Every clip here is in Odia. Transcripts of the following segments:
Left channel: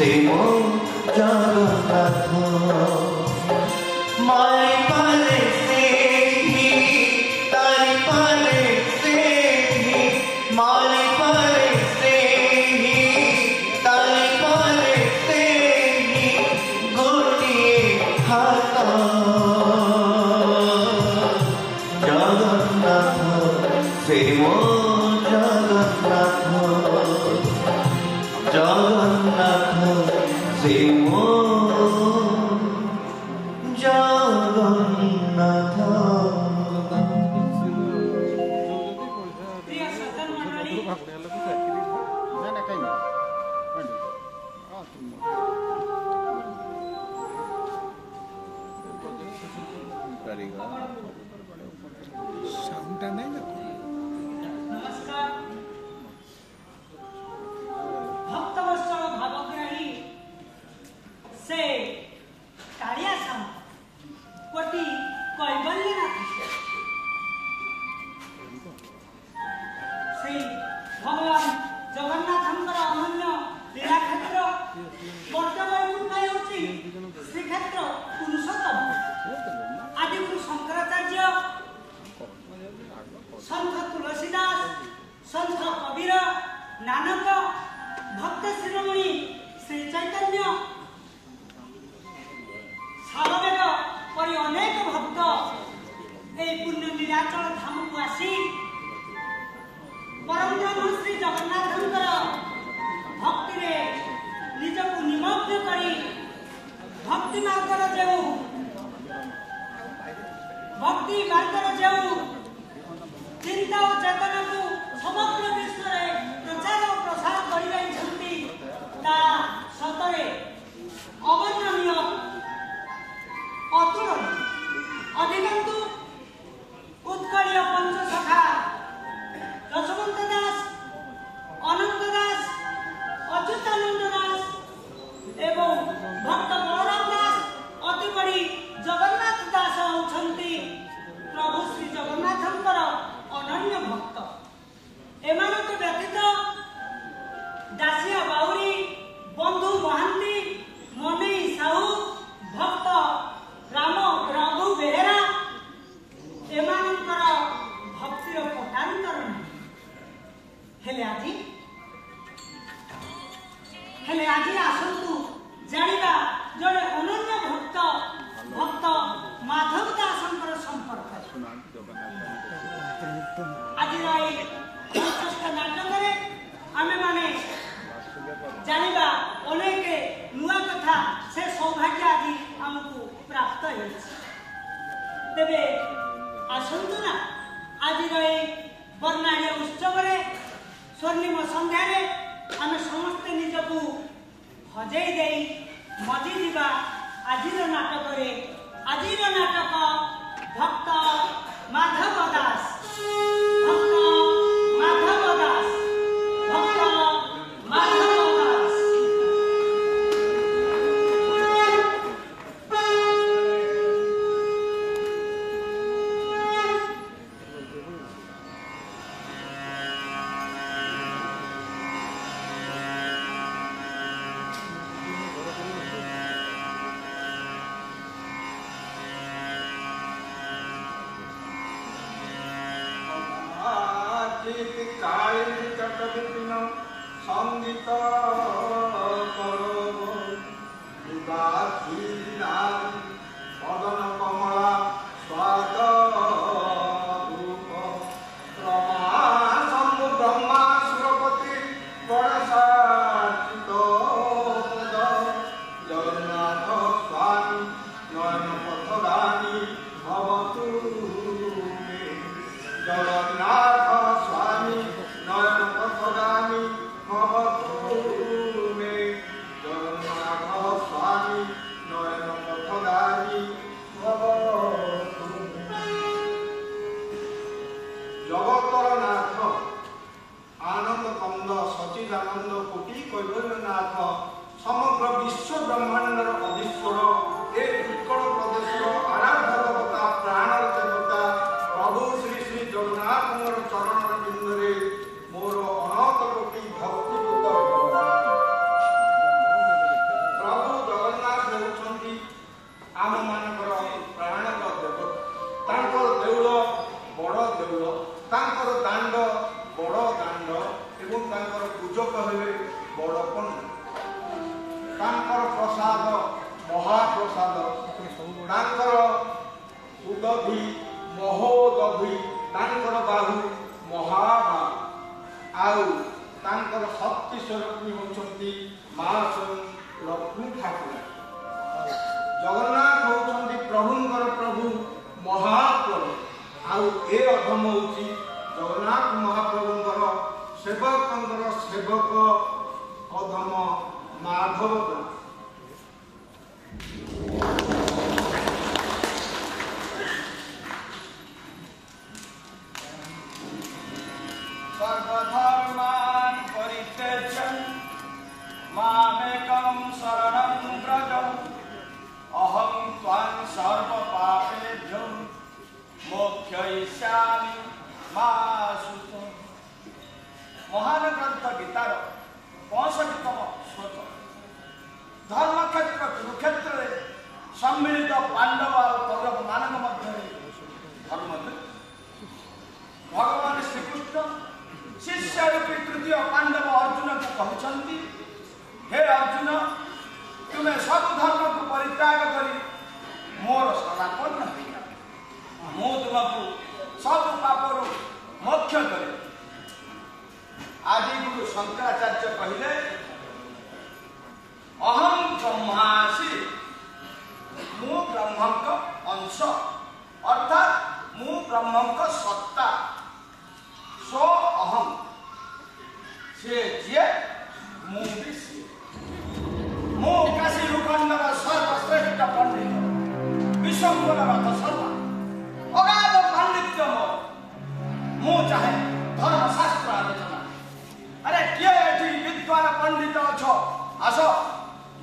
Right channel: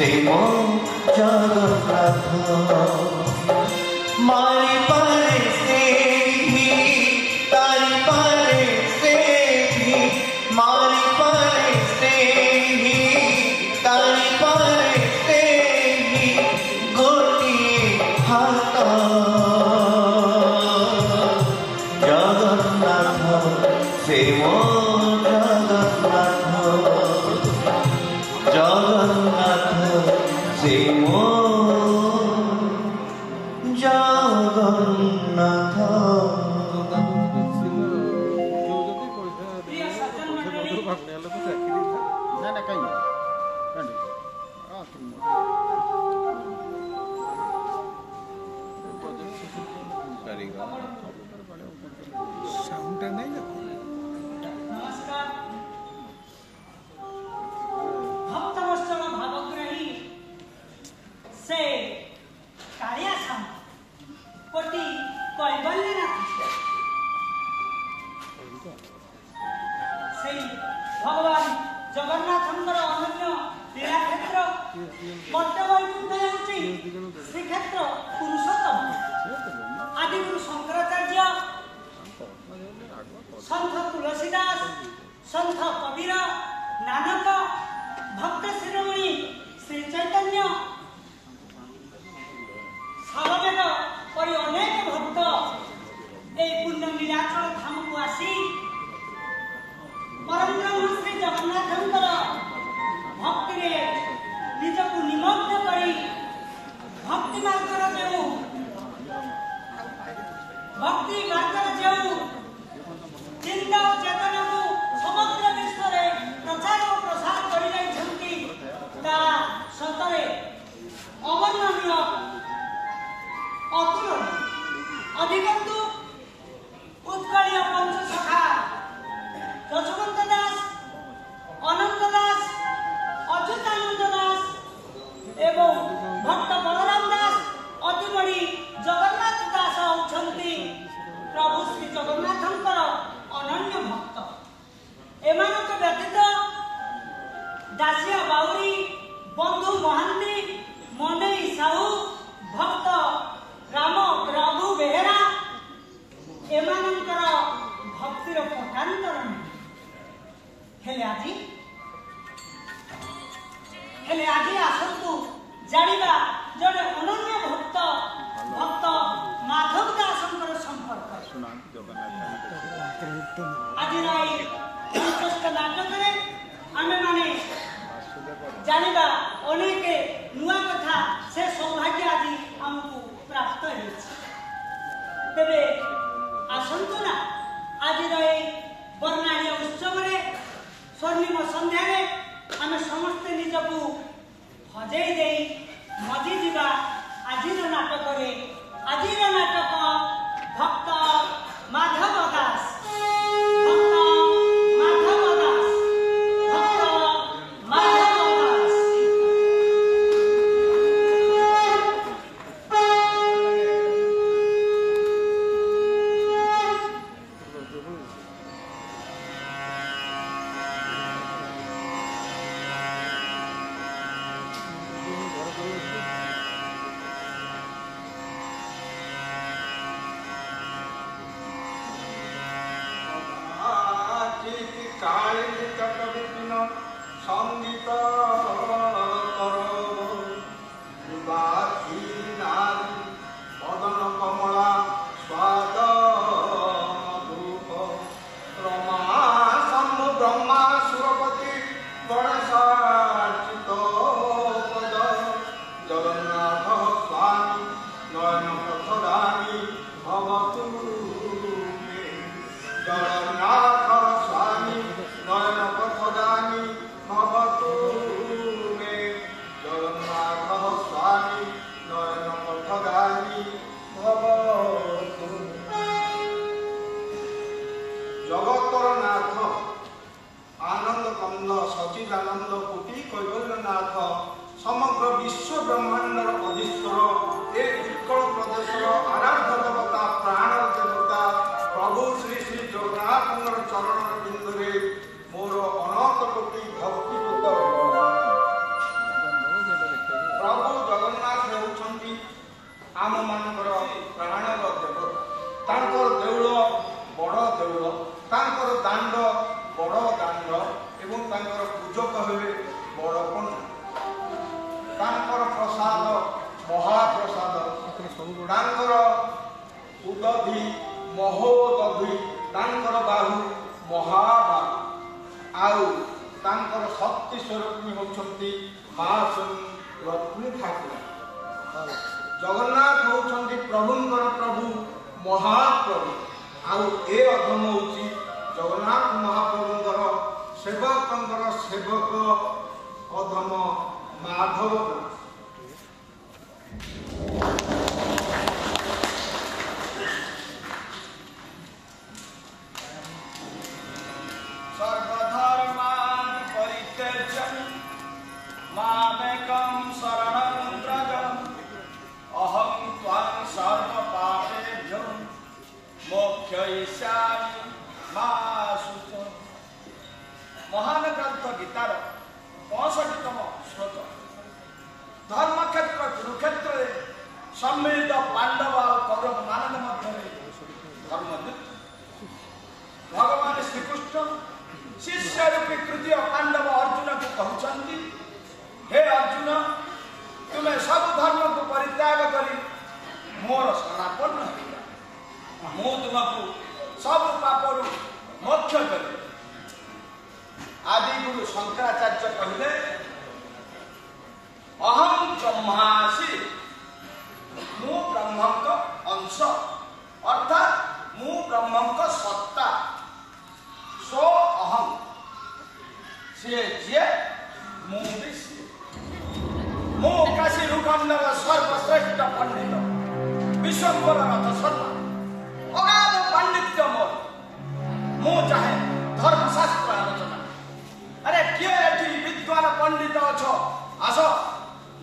से मो जगन्नाथ मारी पारे से ही तारी पारे से ही मारी पारे से ही तारी पारे से ही गोटिए हाथ जगन्नाथ से मो जगन्नाथ से मो जगन्नाथ प्रिय सज्जन मंडली नमस्कार। भक्तवत्सल भावग्राही से कालिया साम कोटि कैबल्यनाथ से भगवान जगन्नाथंकर अनन्य लीला क्षेत्र बर्तवैकुंठ होची श्रीक्षेत्र पुरुषोत्तम आदिगुरु शंकराचार्य संत तुलसीदास संत कबीर नानक भक्त शिरोमणि श्री चैतन्य सालवेद परि अनेक भक्त ए पुण्य नीलाचल धाम को आसी परम ब्रह्म श्री जगन्नाथंकर भक्ति रे निजक निमग्न करी भक्ति मार्गर जो चिंता और चेतना को समग्र विश्व रे प्रचार और प्रसार कर सतरे अवर्णनीय अतुलनीय अधिकंतु उत्कलीय पंचसखा यशवंत दास अनंत दास अच्युतानंद दास एवं भक्त बलराम दास अति बड़ी जगन्नाथ दास होती प्रभु श्री जगन्नाथंकर अनन्य भक्त एमानक व्यतीत दासिया बाउरी बंधु महांती मनई साहू भक्त राम रघु बेहेरा एमानकर भक्तिर पटांतर हेले आज आसतु जानिबा जड़े अनन्य भक्त भक्त माधव दासंकर संपर्क आज नाटक आमे माने जानिबा अनेक नुआ कथा से सौभाग्य आदि हमको प्राप्त है तेबे आसंतु ना आज बर्णाढ़ उत्सव स्वर्णिम संध्या आम समस्ते निजकू हजई दे मजी जा आज नाटक भक्त माधव दास भक्त माधव दास भक्त माधव दास ତାଙ୍କର ଉଦଧି ମହୋଦଧି, ତାଙ୍କର ବାହୁ ମହାବାହୁ, ଆଉ ତାଙ୍କର ଶକ୍ତି ସ୍ୱରୂପୀ ହେଉଛନ୍ତି ମା ଲକ୍ଷ୍ମୀ ଠାକୁର। ଜଗନ୍ନାଥ ହେଉଛନ୍ତି ପ୍ରଭୁଙ୍କର ପ୍ରଭୁ, ମହାପ୍ରଭୁ। ଆଉ ଏ ଅଧମ ହେଉଛି ଜଗନ୍ନାଥ ମହାପ୍ରଭୁଙ୍କର ସେବକଙ୍କର ସେବକ ଅଧମ ମାଧବ। সর্বধর্মান পরিত্যজ্য মামেকং শরণং ব্রজ, অহং ত্বং সর্বপাপেভ্যো মোক্ষয়িষ্যামি মা শুচ। মহান গ্রন্থ গীতার 65তম শ্লোক। ধর্মক্ষেত্র কুরুক্ষেত্রে সম্মিলিত পাଣ୍ଡବ ଆଉ କୌରବ ମାନଙ୍କ ମଧ୍ୟରେ ଧର୍ମଯୁଦ୍ଧ। ଭଗବାନ ଶ୍ରୀକୃଷ୍ଣ ଶିଷ୍ୟ ରୂପୀ ତୃତୀୟ ପାଣ୍ଡବ ଅର୍ଜୁନକୁ କହୁଛନ୍ତି, ହେ ଅର୍ଜୁନ, ତୁମେ ସବୁ ଧର୍ମକୁ ପରିତ୍ୟାଗ କରି ମୋର ଶରଣାପନ୍ନ ହେଇଯାଅ, ମୁଁ ତୁମକୁ ସବୁ ପାପରୁ ମୋକ୍ଷ କରିବି। ଆଦିଗୁରୁ ଶଙ୍କରାଚାର୍ଯ୍ୟ କହିଲେ, ଅହଂ ବ୍ରହ୍ମାସି, ମୁଁ ବ୍ରହ୍ମଙ୍କ ଅଂଶ, ଅର୍ଥାତ୍ ମୁଁ ବ୍ରହ୍ମଙ୍କ ସତ୍ତା। ସୋ ଅହଂ, ସିଏ ଯିଏ, ମୁଁ ବି ସିଏ। ମୁଁ କାଶୀ ଭୂଖଣ୍ଡର ସର୍ବଶ୍ରେଷ୍ଠ ପଣ୍ଡିତ, ବିଶ୍ୱମ୍ବର ରଥ ଶର୍ମା, ଅଗାଧ ପାଣ୍ଡିତ୍ୟ ମୋର। ମୁଁ ଚାହେଁ ଧର୍ମଶାସ୍ତ୍ର ଆଲୋଚନା। ଆରେ କିଏ ଏଠି ବିଦ୍ୱାନ ପଣ୍ଡିତ ଅଛ, ଆସ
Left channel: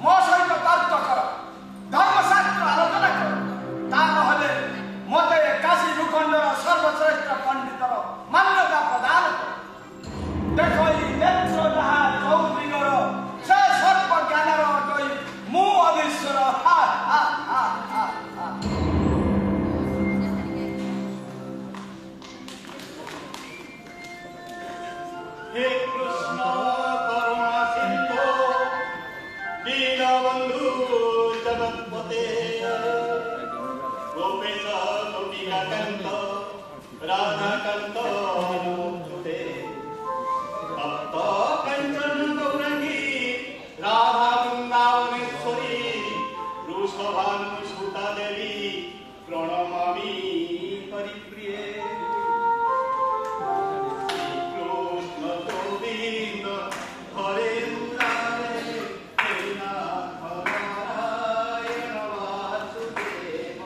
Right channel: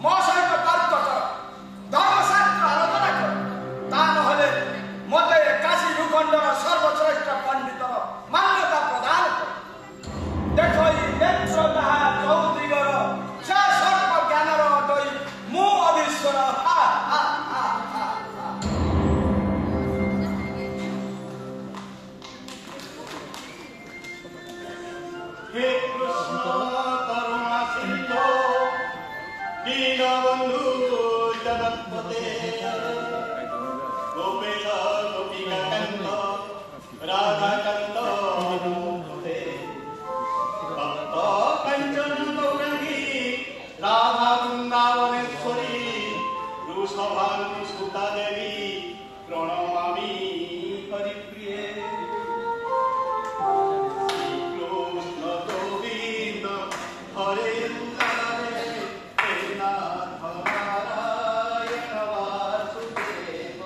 ମୋ ସହିତ ତର୍କ କର, ଧର୍ମଶାସ୍ତ୍ର ଆଲୋଚନା କର। ତା ନହେଲେ ମୋତେ କାଶୀ ଭୂଖଣ୍ଡର ସର୍ବଶ୍ରେଷ୍ଠ ପଣ୍ଡିତର ମାନ୍ୟତା ପ୍ରଦାନ କର। ଦେଖ ଏଇ ନେତ୍ର ଯାହା ଚୌଦିଗର, ସେ ସର୍ବ ଜ୍ଞାନର ଅଟଇ ମୁଁ ଅଧୀଶ୍ୱର। हे कृष्ण करुणा सिंधु दीनबंधु जगत्पते, गोपेश गोपिकाकांत राधाकांत नमोस्तुते। भक्त कंचन गौरांगी राधा वृंदावनेश्वरी, वृषभानुसुता देवी प्रणमामि हरिप्रिये। हरे मुरारे हे नाथ नारायण वासुदेव,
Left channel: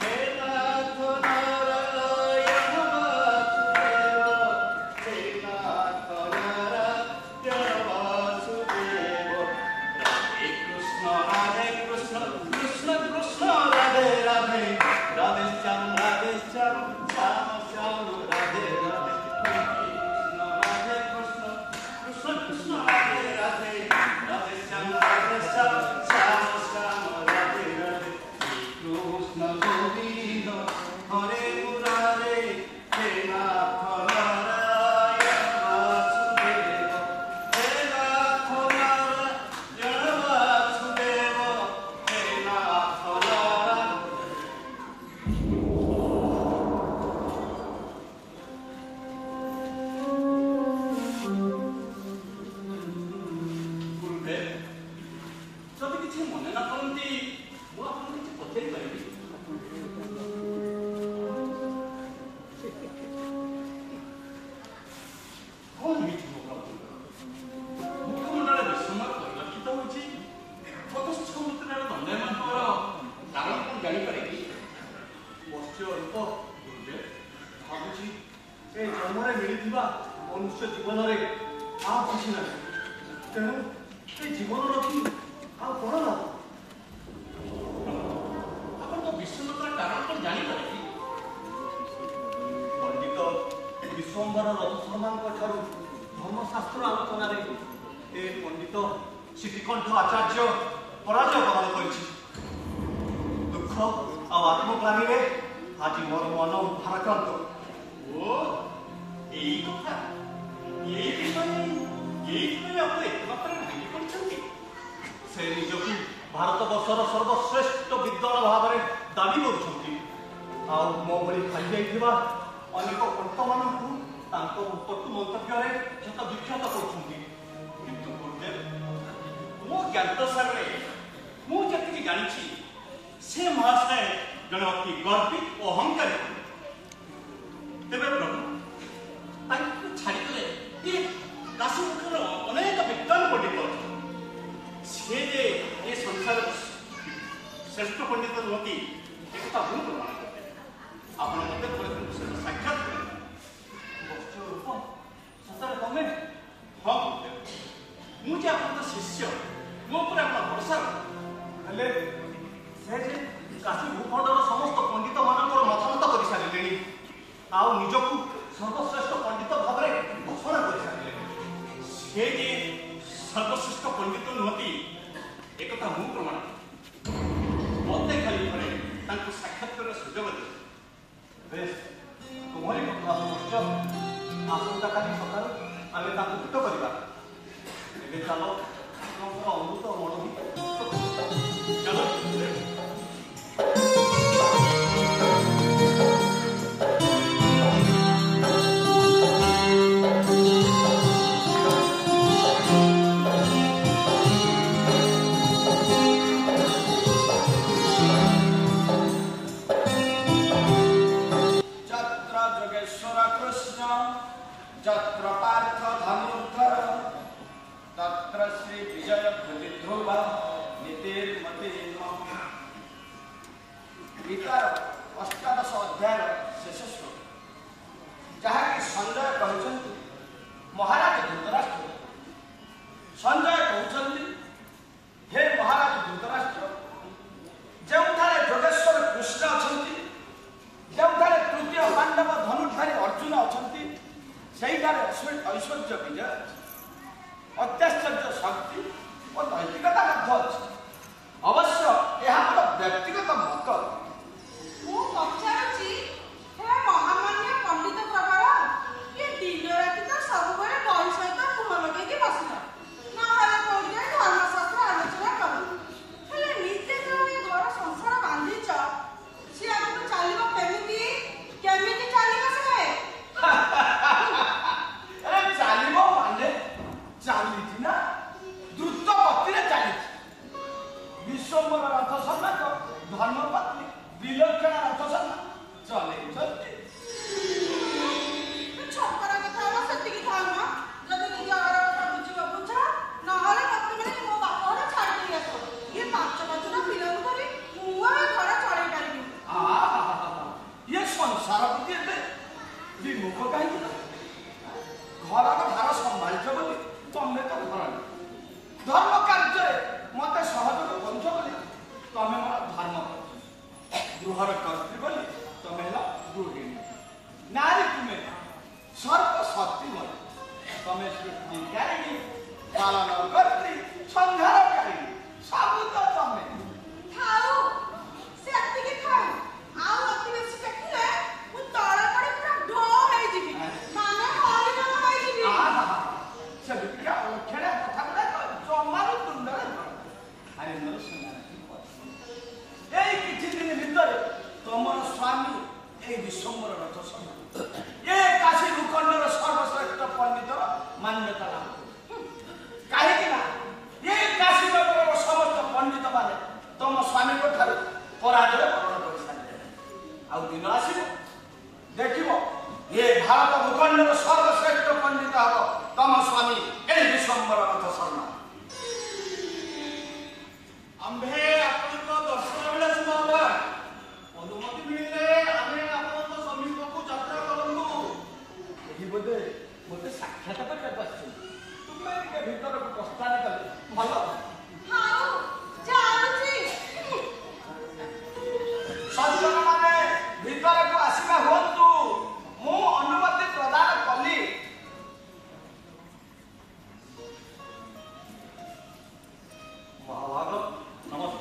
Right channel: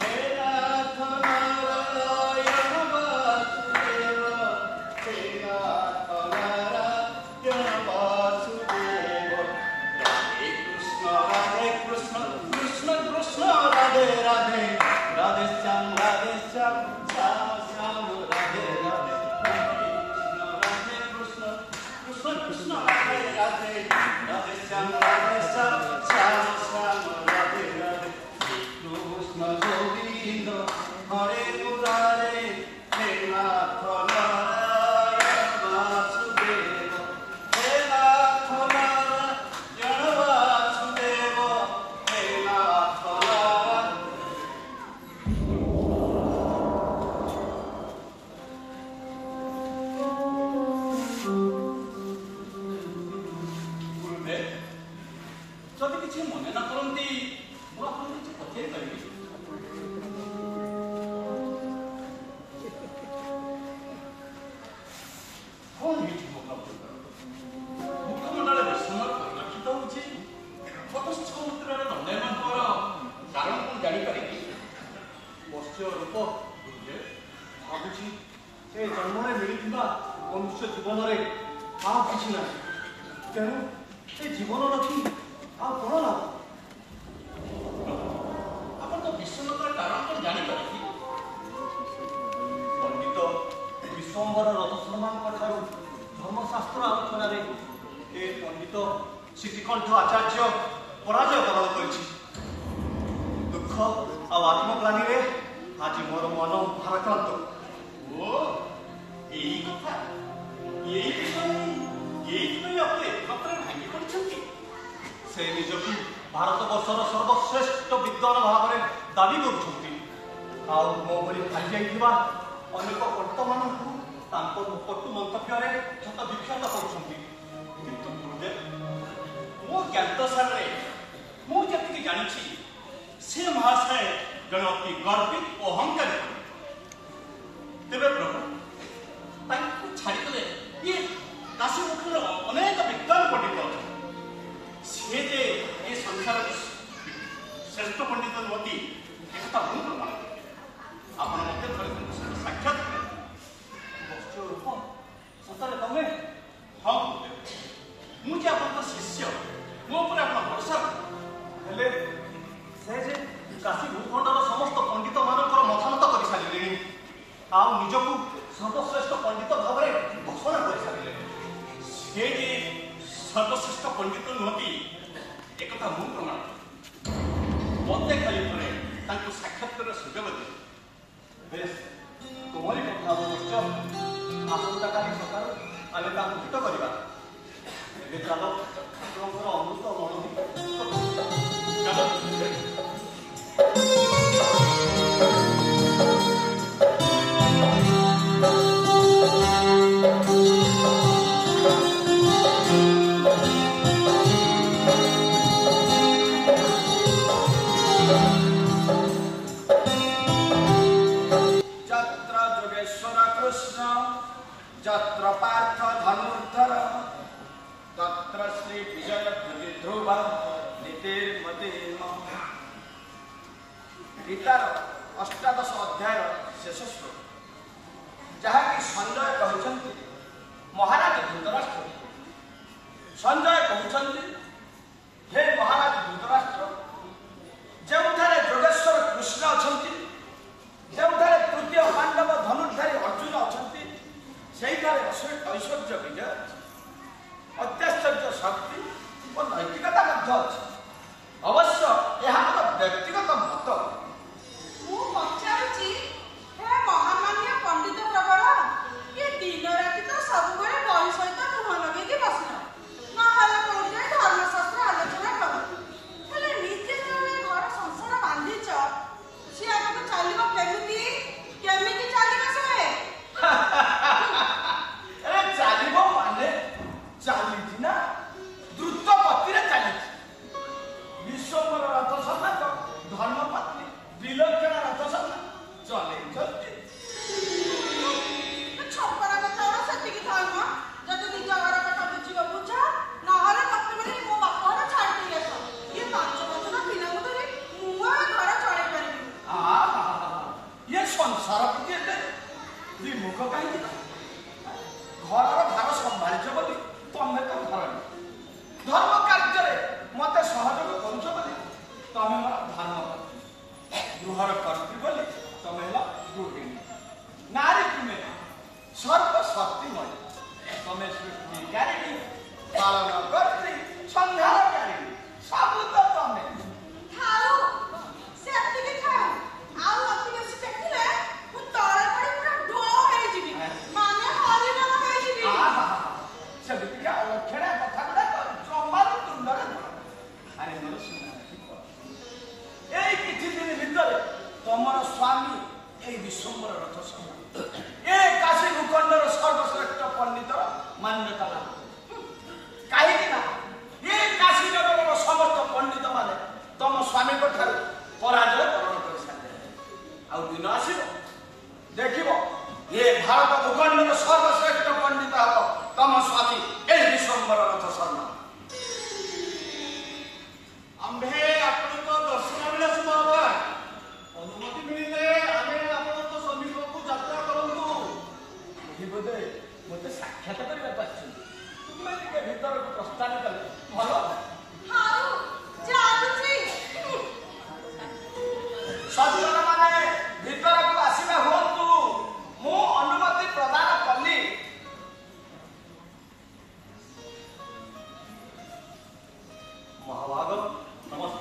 हे नाथ नारायण वासुदेव, हे नाथ नारायण वासुदेव। हरे कृष्ण कृष्ण कृष्ण राधे राधे, राधे श्याम श्याम श्याम राधे राधे। कृष्ण राधे राधे, राधे श्याम श्याम श्याम राधे राधे। कृष्ण गोविंद हरे मुरारे, हे नाथ नारायण वासुदेव, हे नाथ नारायण वासुदेव, हे नाथ नारायण। ଯଦି କିଛି ମନେ ନ କରନ୍ତି, ମୁଁ ଆପଣଙ୍କୁ କିଛି ପଚାରି ପାରିବି? କଣ ହେଇଛି ମୁଖମଣ୍ଡଳ ବିଷ୍ଣୁର ପରିଲକ୍ଷିତ ହେଉଛି? ସମୁଦ୍ରର ଦଣ୍ଡାୟମାନଙ୍କର କାରଣ କଣ ଜାଣିପାରିବି? ମତ୍ସ୍ୟ ରୂପ ଭାବୁଛି ଏ ଜନ୍ମରେ ମିଳିଥିବା ମନୁଷ୍ୟ ଜୀବନରେ ଆଉ କିଛି ନାହିଁ। ତେଣୁ ଏ ଜୀବନ ରଖି ଆଉ କଣ ଲାଭ? ଆପଣ ତ ବିଷ୍ଣୁଙ୍କର କାରଣ କଣ ଜାଣିପାରିବି? ପଣ୍ଡିତ ବିଶ୍ୱମ୍ବର ରଥ ଶର୍ମାଙ୍କ ଠାରୁ ଧର୍ମଶାସ୍ତ୍ର ଆଲୋଚନାରେ ଏ ପଣ୍ଡିତ ଶ୍ରୀକଣ୍ଠ ଆଚାର୍ଯ୍ୟ ପରାଜୟ ପ୍ରଦାନ କରିଛି। ଦୁଃଖ ଆଉ ଆତ୍ମଗ୍ଲାନୀରେ ଆଜି ମୋର ମନ ଭାରାକ୍ରାନ୍ତ। ଓ ଏଇ କଥା, ଏଇଥିପାଇଁ ଆପଣ ଏକତ୍ର ଭାଙ୍ଗି ପଡ଼ିଛନ୍ତି। ସେ ନିଜକୁ ଭାରତବର୍ଷର ସର୍ବଶ୍ରେଷ୍ଠ ବିଦ୍ୱାନ ଭାବରେ ଦାବି କରୁଛନ୍ତି। ଆଉ ମୋ ଭଳି ଖାଲି ଯାଇଥିବା ଅନେକ ବର୍ତ୍ତମାନଙ୍କୁ ତାଙ୍କ କଟୁ ମନ୍ତବ୍ୟରେ କ୍ଷତ ବିକ୍ଷତ କରୁଛନ୍ତି। କିନ୍ତୁ ଗୁରୁଦେବ, ମୋ ଜ୍ଞାତସାରରେ ମୁଁ ଯେତିକି ଜାଣିଛି ସେ ମହାଶୟ ଜଣେ ଅତି ଗର୍ବିତ ଓ ଅହଙ୍କାରୀ। ତେବେ ପ୍ରଭୁ ତାଙ୍କୁ ଛାଡ଼ିଦେଲେ ଇଏ କାଶୀ ମୁଖର ଅନେକ ବିଦ୍ୱାନ ପଣ୍ଡିତ ଅଛନ୍ତି। ସେ ଯେ ଏ ସଂସାରର ଶ୍ରେଷ୍ଠ ପଣ୍ଡିତ ନୁହନ୍ତି ଏକଥା ମୁଁ ପ୍ରମାଣ କରିବି। ଆପଣ ମୋତେ ଥରେ ସାକ୍ଷାତ କରନ୍ତୁ। ସତରେ ତମେ? ହଁ ଗୁରୁଦେବ, ମୁଁ ଯେ ଆପଣଙ୍କ ଶିଷ୍ୟ, ମୋ ଉପରେ ଆପଣ ଭରସା କରନ୍ତୁ। ହେଲେ ସେ ଯେ କାଶୀ ଭୂଖଣ୍ଡର ସମସ୍ତ ପଣ୍ଡିତ ମାନଙ୍କର ମତାମତ କରିସାରିଲେଣି, ଆଉ ନିଜକୁ ସର୍ବଶ୍ରେଷ୍ଠ ପଣ୍ଡିତ ଭାବରେ ଘୋଷଣା କରିସାରିଲେଣି। ସେ ଯେ ସର୍ବଶ୍ରେଷ୍ଠ ପଣ୍ଡିତ ନୁହନ୍ତି ଏକଥା ମୁଁ ପ୍ରମାଣ କରିବି। ମୋତେ ଖାଲି ଥରେ ତାଙ୍କୁ ସାକ୍ଷାତ କରିବାର ସୁଯୋଗ ଦିଅ। ବେଶ, ତୁମରି କଥା ଅବଶ୍ୟ। ଆସନ୍ତାକାଲି ସକାଳୁ ଆମେ ତାଙ୍କୁ ଭେଟ କରିବା। ଏବେ ଚାଲ ଆପଣଙ୍କର ଅମୃତ ମଣୋନୀତ ଚାଲ। যত্র যোগেশ্বর কৃষ্ণ যত্র পার্থ ধনুর্ধর তত্র শ্রী বিজয় বিধ্রুব নীতির্মতি। গীতার অষ্টাদশ অধ্যায় শেষ শ্লোক, ଯାହାକି ସଞ୍ଜୟ କହିଛନ୍ତି ମହାରାଜ ଧୃତରାଷ୍ଟ୍ର। ସଞ୍ଜୟ କହୁଛନ୍ତି, ହେ ମହାରାଜ ଧୃତରାଷ୍ଟ୍ର, ଯେଉଁଠାରେ ଯୋଗେଶ୍ୱର କୃଷ୍ଣ ଅଛନ୍ତି, ଯେଉଁଠାରେ ତୃତୀୟ ପାଣ୍ଡବ ଧନୁର୍ଧାରୀ ଅର୍ଜୁନ ଅଛନ୍ତି, ସେଇଠାରେ ଐଶ୍ୱର୍ଯ୍ୟ ବିଜୟ ଅଛି, ଅତ୍ୟାଶ୍ଚର୍ଯ୍ୟ ଶକ୍ତି ଓ ନୈତିକତା ମଧ୍ୟ ଅଛି। ଅବଶ୍ୟ ଏହା ମୋର ବ୍ୟକ୍ତିଗତ ମତ। ମୁଁ ପଚାରୁଛି, ହେ ମହାମାନ୍ୟ ପଣ୍ଡିତ ପ୍ରବର, ଇଏ ଦିନ ରାତି ତ ସବୁବେଳେ ବହି ସହିତ ମୁହଁ ଲଗେଇକି ବସିଲ, ନହେଲେ କୋଉଠି ଧର୍ମଶାସ୍ତ୍ର ଆଲୋଚନା କର। ହେଲେ ନିଜେ ଯୋଉ ଏ ଘର ସଂସାର ବାନ୍ଧିଛ, ସିଏ ଆଗକୁ ଚାଲିବ କେମିତି? କେମିତି ଚାଲିବ ସେ? ଚାଲିବ ମାନେ ଚାଲିଛି ନା, ଦ୍ରୁତ ଗତିରେ ଚାଲିଛି। ବିଶ୍ୱମ୍ବର ରଥ ସର୍ଣ୍ଣାକ ଧର୍ମପତ୍ନୀ ବିଲକ୍ଷଣ ରଥ ସର୍ଣ୍ଣା ଚଲେଇଛନ୍ତି। ଛପରା କଥା ଗୁଡ଼ା ସେତିକି ଥାଉ ମ। ଯଦି ନିଜ ଘର କଥା ବୁଝିବ ବୁଝ, ନହେଲେ ମତେ ମିଳି ମୋ ବାପ ଘର ଛାଡ଼ି ଦେଇ ଆସ। ଇଏ 5 ପିଲାଙ୍କୁ ଧରି ମୁଁ ଏ ଘର ଚଳେଇ ପାରିବି। ଇଏ ସଂସାର ପ୍ରତି ଏତେ ବିମୁଖ କାହିଁକି? ଘରର ଭାର ସମ୍ଭାଳିଛ ବୋଲି ତମେ ତ ଧରଣୀ। ଧର୍ମ କାର୍ଯ୍ୟରେ ମତେ ସହଯୋଗ କରୁଛ ବୋଲି ତମେ ମୋର ଧର୍ମପତ୍ନୀ। ଗୃହର କର୍ତ୍ରୀ ବୋଲି ତମେ ହେଲା ଗୃହିଣୀ। ନାରୀ ତୁମେ ସର୍ବଶକ୍ତିମୟୀ। ତମେ ସୃଷ୍ଟିକାରିଣୀ, ପାଳନ କର୍ତ୍ରୀ, ସଂହାରକାରିଣୀ, ସବୁ ତ ତମେ। ଥାଉ, ସେତିକି ଥାଉ। ଆଉ ଅତି ବେଶୀ ଦେଖିଲେ ମୁଁ ତଳେ ପଡ଼ି ପୁରା ଢୋ ହେଇଯିବି, ମାନେ ହରିବୋଲ ହେଇଯିବି। ସେମିତିକା ଅକ୍ଷଣା କଥା ଗୁଡାକ ଜମାରୁ ତୁଣ୍ଡରେ ଆରେ ମୋର ସୁନା। ଏଇ କିଛି ଦିନ ଭିତରେ ତମର ସ୍ୱାମୀ ଏଇ ବିଶ୍ୱମ୍ବର ରଥ ସର୍ଣ୍ଣା ଏ କାଶୀ ଭୂଖଣ୍ଡର ସର୍ବଶ୍ରେଷ୍ଠ ପଣ୍ଡିତର ମାନ୍ୟତା ଲାଭ କରିବେ। କାହିଁକି ନା ଏ କାଶୀ ନଗରର ସମସ୍ତ ପଣ୍ଡିତ ମାନେ ତମ ସ୍ୱାମୀଙ୍କ ଠାରୁ ପରାଜୟ ବରଣ କରିସାରିଲେ। ଆଉ ଦିନ ଆସିବ ଦେଖିବ ଏ ଭାରତ ଭୂଖଣ୍ଡର ସର୍ବଶ୍ରେଷ୍ଠ ପଣ୍ଡିତ ହେବ ତମ ସ୍ୱାମୀ ଏଇ ବିଶ୍ୱମ୍ବର ରଥ ସର୍ଣ୍ଣା। ଆମ୍ଭେ ଆପଣଙ୍କ ଦର୍ଶନ ବେଳେ ଶୁଭ ଅନୁମତି ମିଳିଲେ ଆମେ ଆପଣଙ୍କ ସମୀପକୁ ଯାତ୍ରା କରନ୍ତୁ। ଏହି ବୋଧେ ମୋତେ ସାକ୍ଷାତ କରିବାକୁ ଆସିଛନ୍ତି। ତୁମେ ଟିକେ ଭିତରକୁ ପ୍ରସ୍ଥାନ କଲେ ଭଲ। ଥାଉ, ଚାଲୁଛି। ସଜ୍ଜନ ମାନେ ଭିତରକୁ ଆସିବା ହୁଅନ୍ତୁ, ମୁଁ ଅନୁମତି ପ୍ରଦାନ କଲି। ମହାଭାଗ ନମସ୍କାର।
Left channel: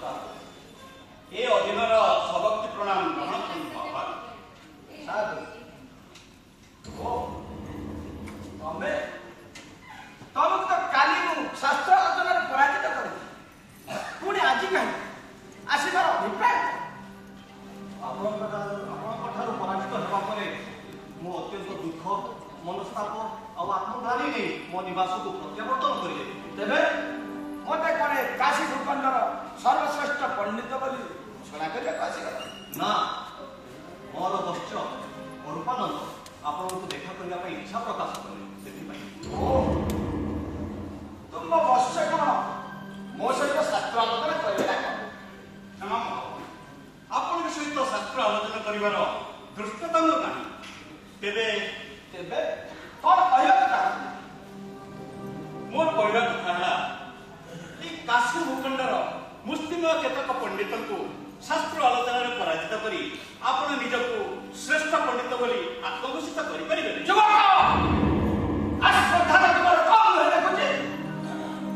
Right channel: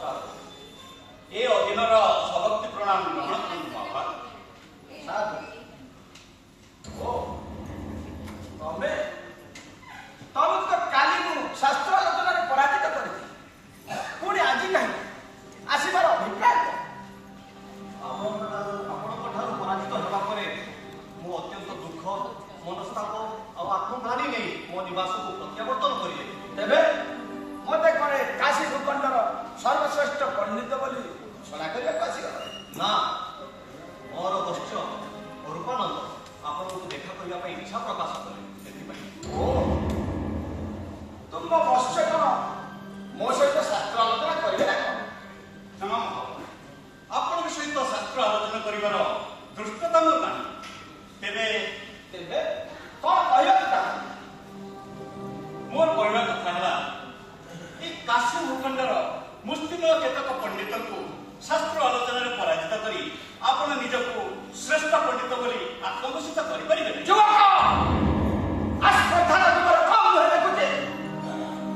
ଅନ୍ୟ କେତେକ ପଣ୍ଡିତଙ୍କୁ ଶାସ୍ତ୍ର ଆଲୋଚନାରେ ପରାଜିତ କରି ଆପଣ ନିଜକୁ ଶ୍ରେଷ୍ଠ ପଣ୍ଡିତ ବୋଲି ଆତ୍ମଘୋଷିତ କରିପାରିବେ ନାହିଁ। ଯୁବକ ଆଶ୍ରଦ୍ଧାର ତୁମର କମ ନୁହେଁ ଦେଖୁଛି।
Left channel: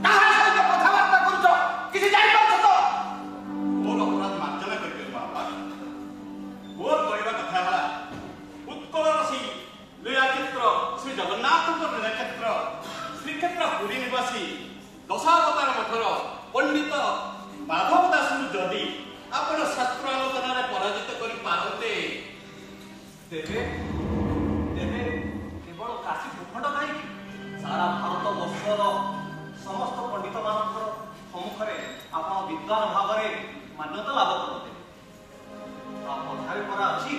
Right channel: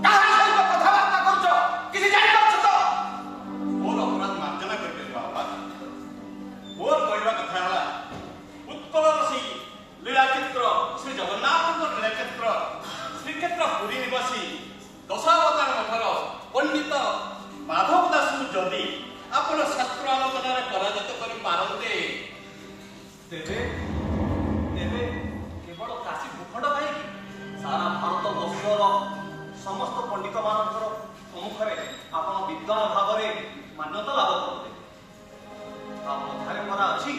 କାହା ସହିତ କଥାବାର୍ତ୍ତା କରୁଛ କିଛି ଜାଣିପାରୁଛ ତ? ମୋର ଅପରାଧ ମାର୍ଜନା କରିବେ ବାବା। ମୋର କହିବା କଥା ହେଲା ଉତ୍କଳର ସେଇ ଲୀଳାକ୍ଷେତ୍ର ଶ୍ରୀ ଜଗନ୍ନାଥଙ୍କ ଲୀଳାକ୍ଷେତ୍ର ଶ୍ରୀକ୍ଷେତ୍ର ପୁରୀ ନିବାସୀ ଦଶାବତାର ମଠର ପଣ୍ଡିତ ମାଧବ ଦାସଙ୍କୁ ଯଦି ଆପଣ ଶାସ୍ତ୍ର ଆଲୋଚନାରେ ପରାଜିତ କରିପାରନ୍ତେ ତେବେ ତେବେ କେବଳ କାଶୀ ଭୂଖଣ୍ଡ କାହିଁକି ସାରା ଭାରତ ବର୍ଷର ସମସ୍ତ ପଣ୍ଡିତ ମାନଙ୍କର ସମ୍ମୁଖରେ ଆପଣ ବିଦ୍ୱାନ ଭାବରେ ମାନ୍ୟତା ଲାଭ କରନ୍ତେ। ତା କଥାରେ ପରା ଅଛି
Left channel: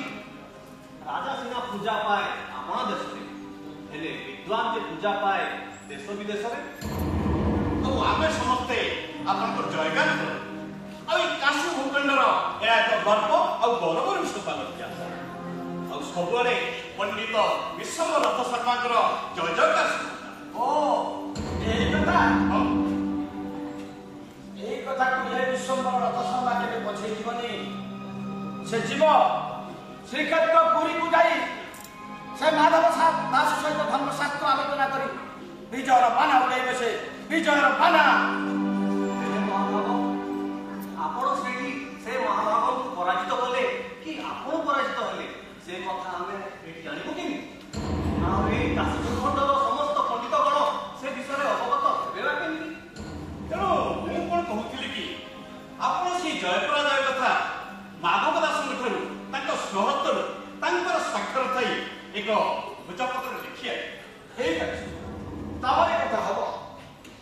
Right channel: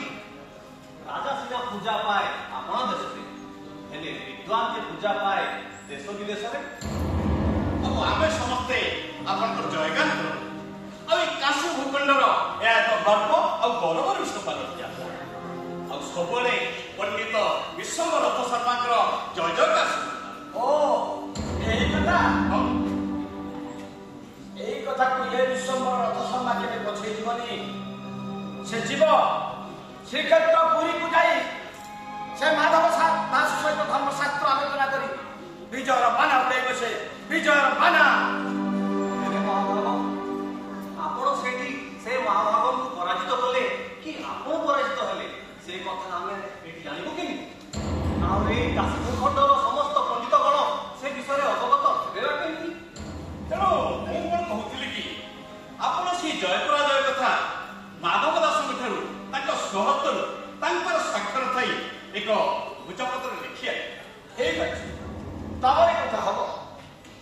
ରାଜା ସିନା ପୂଜା ପାଏ ଆପଣ ଦେଶରେ, ହେଲେ ବିଦ୍ୱାନ ଯେ ପୂଜା ପାଏ ଦେଶ ବିଦେଶରେ। ଆଉ ଆମେ ସମସ୍ତେ ଆପଣଙ୍କର ଜୟଗାନ କରୁ। ଆଉ ଏଇ କାଶୀ ଭୂଖଣ୍ଡର ଏହା ଏକ ଗର୍ବ ଆଉ ଗୌରବର ବିଷୟ ପାଲନ ଦିଆଯାଏ। ଆଉ ସବୁବେଳେ ପଣ୍ଡିତ ବିଶ୍ୱମ ରଥ ଶର୍ମାଙ୍କର ଜୟ ଜୟକାର। ଓ ଏଇ କଥା ଏଇ କଥାକୁ ଏ ବିଶ୍ୱମ୍ବର ରଥ ଶର୍ମା କେବେ ପଛେଇ ଯିବନି। ସେ ଯିବ ଶ୍ରୀକ୍ଷେତ୍ର ପୁରୀକୁ ଯାଇ ସେ ମାଧବ ଦାସ ସହିତ ଧର୍ମଶାସ୍ତ୍ର ଆଲୋଚନା କରି ବିଜୟର ବାନା ଉଡ଼େଇବେ। ସେ ବିଜୟର ବାନା। ହେଲେ ମହାଭାଗ ଆପଣ ସେଇଠି ସେ ମହାଭାଗକୁ ପରାଜିତ କଲେ କି ଆପଣ ପରାଜିତ ହେଲେ ସେ କଥା ଆମେ ଏଠି ଜାଣିବୁ କେମିତି? ଆଉ ଏଇ କାଶୀ ଭୂଖଣ୍ଡର ସମସ୍ତ ପଣ୍ଡିତଗଣ ସେ ବିଷୟରେ ଅବଗତ ହେବେ କେମିତି? ତେଣୁ ମୁଁ କଣ କହୁଥିଲି କି ଆପଣ ସେଇ ଜୟ ପରାଜୟ କଥା ମାଧବ ଦାସଙ୍କ ଠାରୁ ତାଙ୍କ ସ୍ୱହସ୍ତରୁ ତାଙ୍କର ସ୍ୱାକ୍ଷର ଥାଇ ଏକ ଭୋଜପତ୍ର ଲେଖିଆ ଠିକ ଅଛି, ତମରି କଥା ହବ।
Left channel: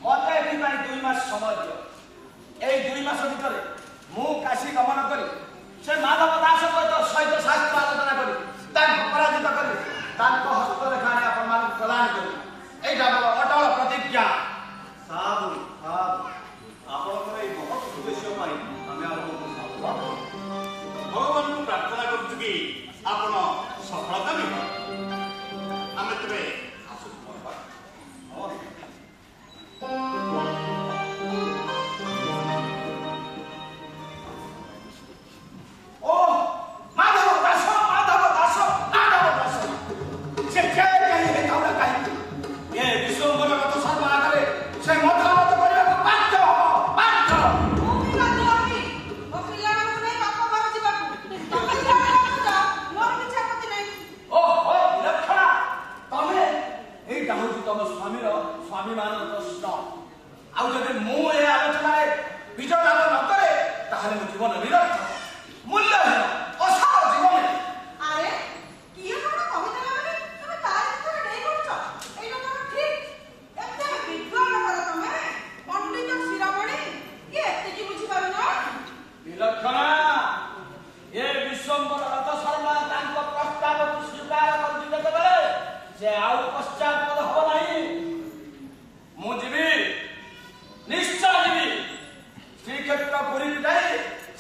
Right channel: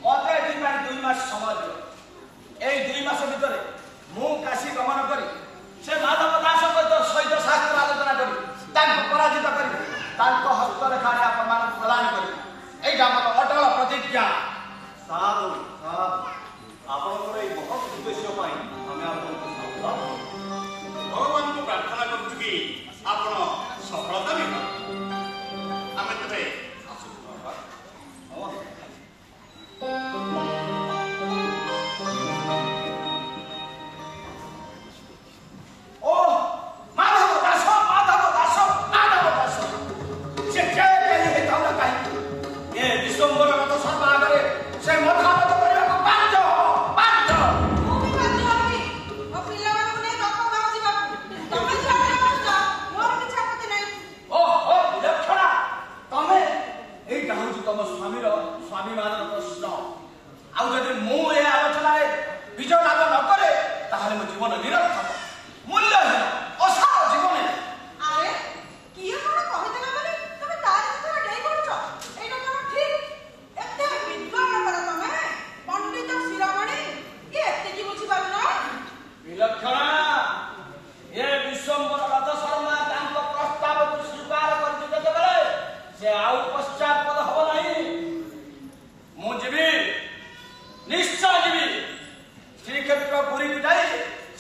ମତେ ଏଥିପାଇଁ 2 ମାସ ସମୟ ଦିଅ। ଏଇ 2 ମାସ ଭିତରେ ମୁଁ କାଶୀ ଗମନ କରି ସେ ମାଧବ ଦାସଙ୍କ ସହିତ ଶାସ୍ତ୍ର ଆଲୋଚନା କରି ତାଙ୍କୁ ପରାଜିତ କରି ତାଙ୍କ ହସ୍ତରେଖା ଆଣି ଆପଣମାନଙ୍କୁ ପ୍ରଦାନ କରି ଏଇଟା ଆମର ଅଟଳ ପ୍ରତିଜ୍ଞା। ସାଧୁ ସାଧୁ ଆପଣଙ୍କର ଏଇ ମହତ୍ ଉଦ୍ଦେଶ୍ୟ ପାଇଁ ଆମେ ଆପଣଙ୍କୁ ସାଧୁବାଦ ଦେବୁ। ଭଗବାନଙ୍କୁ ପ୍ରାର୍ଥନା କରୁଛୁ କି ଆପଣ ସଫଳତା ବି ପାଆନ୍ତୁ। ଆମେ ତେବେ ଆସୁଛୁ ବାବା। ଓ ମାଧବ ଦାସ, ମାଧବ ଦାସ, ମାଧବ ଦାସ। ସେ ହେଇଥାଉ ନା କାହିଁକି ଏ ବିଶ୍ୱମ୍ବର ରଥ ଶର୍ମା ଆଗରେ ସେ ମତଗତ କରିବାକୁ ବାଧ୍ୟ ହବ, ବାଧ୍ୟ। ତମ ସ୍ୱାମୀର ସ୍ୱାଭିମାନର ପ୍ରଶ୍ନ। ଆଉ ଯଦି ମୁଁ ଏ ଆଲୋଚନାରେ ବିଜୟ ଲାଭ ନ କରେ ତାହେଲେ ମୋ ଜୀବନ ନିରର୍ଥକ, ମୂଲ୍ୟହୀନ, ଅସାର ଜୀବନ। ଆରେ କିଏ କଣ କହିଦେଲା ମାନେ ତମେ ତାରି ଭିତରେ ଡେଇଁ ପଡୁଛ? ଏଇଟା କଣ ଠିକ? ଏତେ ବିଦ୍ୱାନ ପରା ତମେ, ପଣ୍ଡିତ ଶିରୋମଣି, କିଏ ଏତିକି ବୁଝିପାରୁନ? ବିଲକ୍ଷଣା ଏ ବିଶ୍ୱମ୍ବର ରଥ ଶର୍ମା ତାଙ୍କ ପ୍ରସ୍ତାବକୁ ସ୍ୱୀକାର କରିଛି ଯେତେବେଳେ ସେ ଆଉ ପଶ୍ଚାତପଦ ହବ ନାହିଁ। ମୁଁ ଯିବି, ନିଶ୍ଚୟ ଯିବି। ଶ୍ରୀକ୍ଷେତ୍ର ପୁରୀକୁ ଯାଇ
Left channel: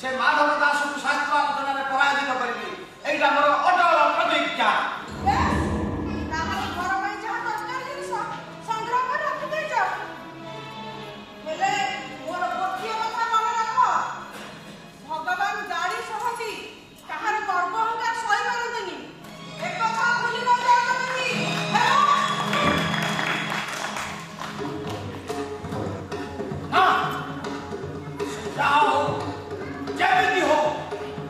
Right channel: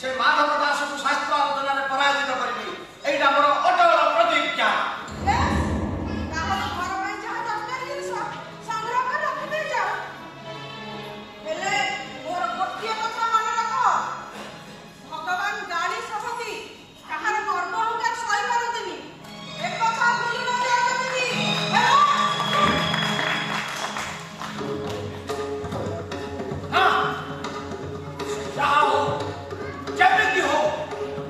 ସେ ମାଧବ ଦାସଙ୍କୁ ଶାସ୍ତ୍ର ଆଲୋଚନାରେ ପରାଜିତ କରିବି। ଏଇଟା ମୋର ଅଟଳ ପ୍ରତିଜ୍ଞା। ତାହେଲେ ଘର ପାଇଁ ଯାହା ଦରକାର ଜିନିଷ ସଂଗ୍ରହ କରି ରଖିଦେଇଛ। ହେଲେ ମୋର ଗୋଟିଏ କଥା ମନେ ରଖ, ଭଗବାନ ଗାଳି ସହନ୍ତି, କାହାର ଗର୍ବ ଅହଙ୍କାର ସହିପାରନ୍ତିନି। ଏକଥା ଭୁଲି ନ ଯାଅ ଯେମିତି। ହଁ, ଯାହା ହଉ, ଯେମିତି ହଉ,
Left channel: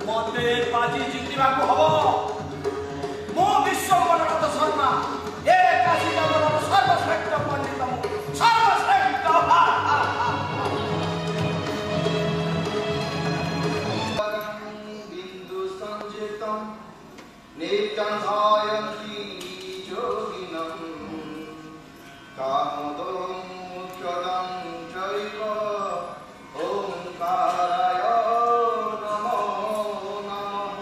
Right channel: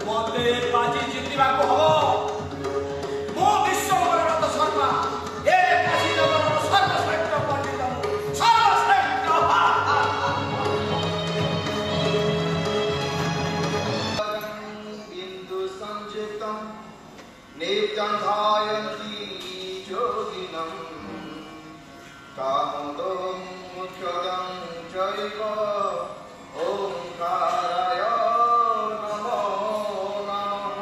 ମତେ ବାଜି ଜିତିବାକୁ ହବ। ମୁଁ ବିଶ୍ୱମ୍ବର ରଥ ଶର୍ମା, ଏ କାଶୀ ନଗରର ସର୍ବଶ୍ରେଷ୍ଠ ପଣ୍ଡିତ, ସର୍ବଶ୍ରେଷ୍ଠ। बिंदु संजितं नित्यं ध्यायन्ति योगिनं कामदं मुख्यदं चैव ओंकाराय नमो नमः।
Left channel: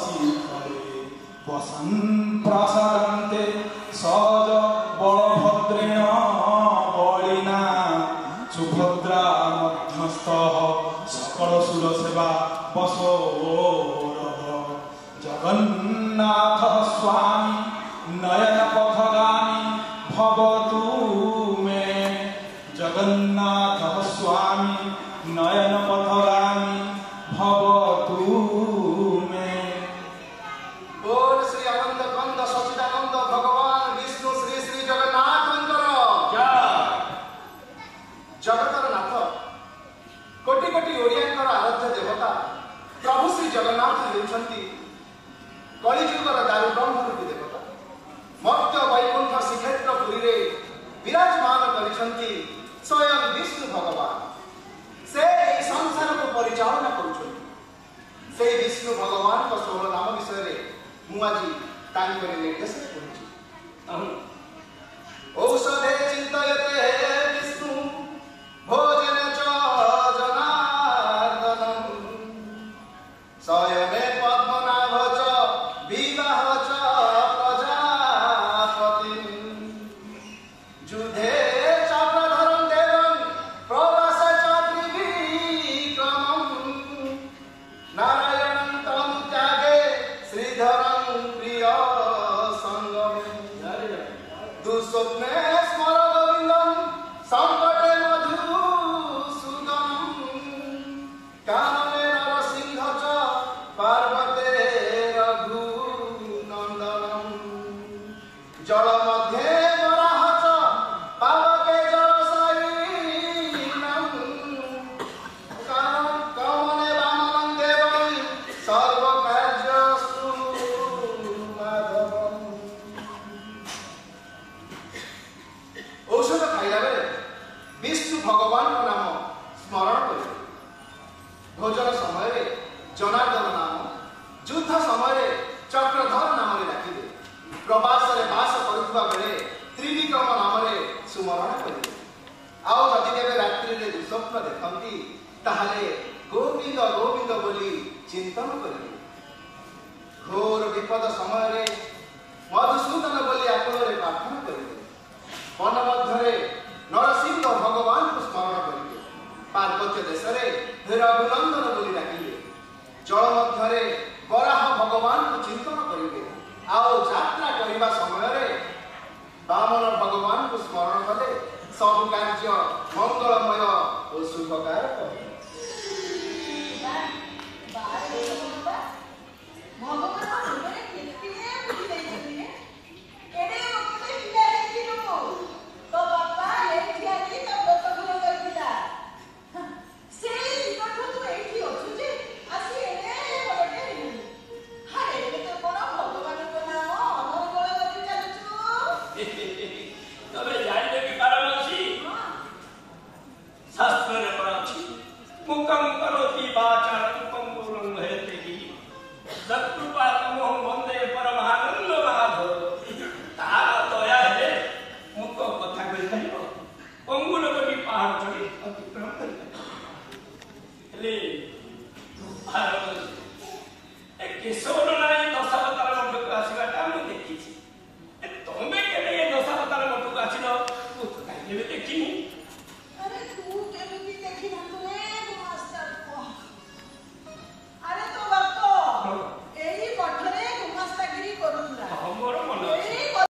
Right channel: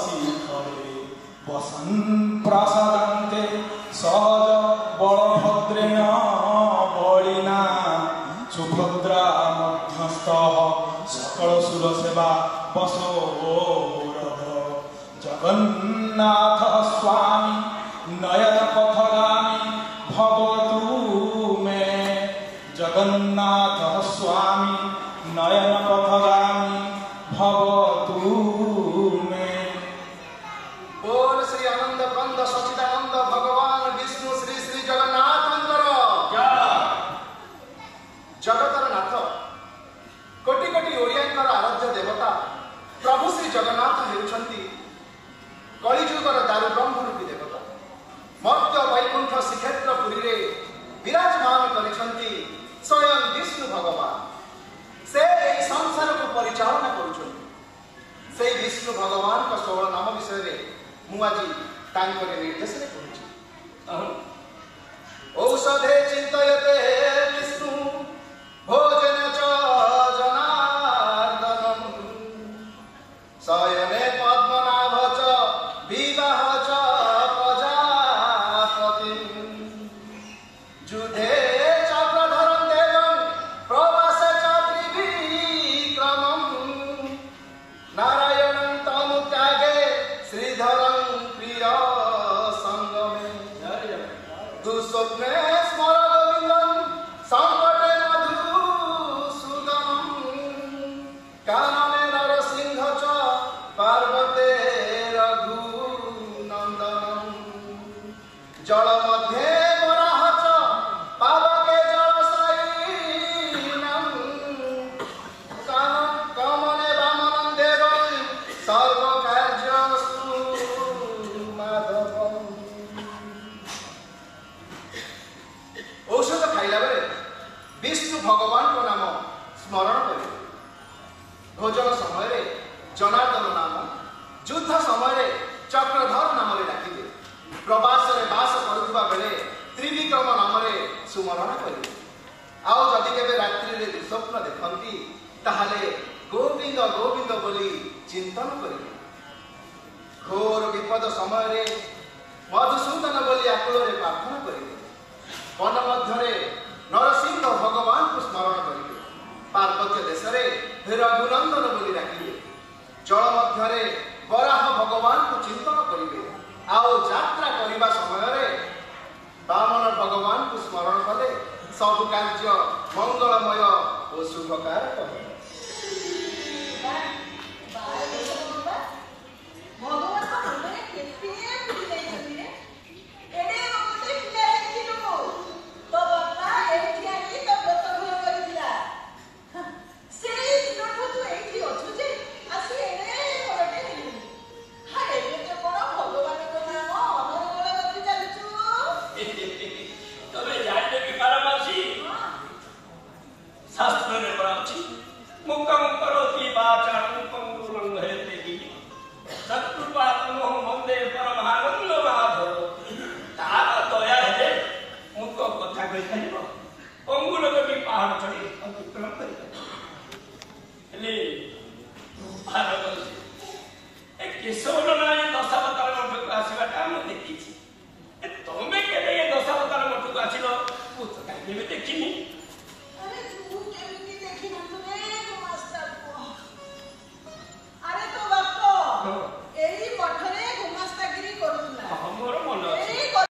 ଶିଖରେ ବସନ୍ ପ୍ରସାଦାନ୍ତେ ସହଜ ବଳଭଦ୍ରେଣ ବଳିନା ସୁଭଦ୍ରା ମଧ୍ୟସ୍ଥ ସକଳ ସୁର ସେବା ବସୋ ଜଗନ୍ନାଥ ସ୍ୱାମୀ ନୟନ ପଥଗାମୀ ଭବତୁ ମେ ଜଗନ୍ନାଥ ସ୍ୱାମୀ ନୟନ ପଥଗାମୀ ଭବତୁ ମେ। बोल श्री आनंद कंद सचिदानंद भगवान विष्णु श्री श्री जगन्नाथंकर जगतर नाथ कोटि कोटि ओडियांकर आराध्य देवता प्रभु श्री जगन्नाथ हेउछंती कलिजुगर दारु ब्रह्म रूपी देवता मर्त्य वैकुंठ श्रीक्षेत्र पुरी रे विराजमान करिछंती स्वयं विष्णु भगवान से एई संसार को परिचालना करुछंती से विष्णु भगवान का 16 नाम विषय रे मु आज तांकर निर्देश रे कहूची औषधे चिंतयते विष्णु भोजन च जनार्दनम शयने पद्मनाभ च विवाह च प्रजापति जुधे चक्रधरं देवं प्रवास च त्रिविक्रमं नारायणं तनुत्यागे श्रीधरं प्रिय संगमे दुस्वप्ने स्मर गोविन्दं संकटे मधुसूदनं कानने नरसिंह च पार्वते रघुनन्दनं जल मध्ये वराह च पावके जलशयिनं कमले वामनं देवं सर्वकार्यस्तु माधवम्। औषध खाइला बेले विष्णु भगवान को नाम स्मरण करिबे भोजन समय जनार्दन नाम युद्ध समय चक्रधर नाम डाकिबे प्रवास रे बास करुवा बेले त्रिविक्रम नाम सुमरण करिबे आउ जदि केबे रात्रि रे दुस्वप्न देखंती ताहाले गोविंद गोविंद बोली चिंतन करिबे घोर विपद समय मधुसूदन बोली आकुଳରେ प्रार्थना करिबे वन मध्य नरसिंह भगवान को स्मरण करिबे पार्वत्य देश रघुनंदन बोली डाकिबे जल मध्य वराह भगवान को चिंतन करिबे आओ यात्रा करने समय वामन भगवान को स्मरण कले सब कार्य मंगलमय और शुभकारक।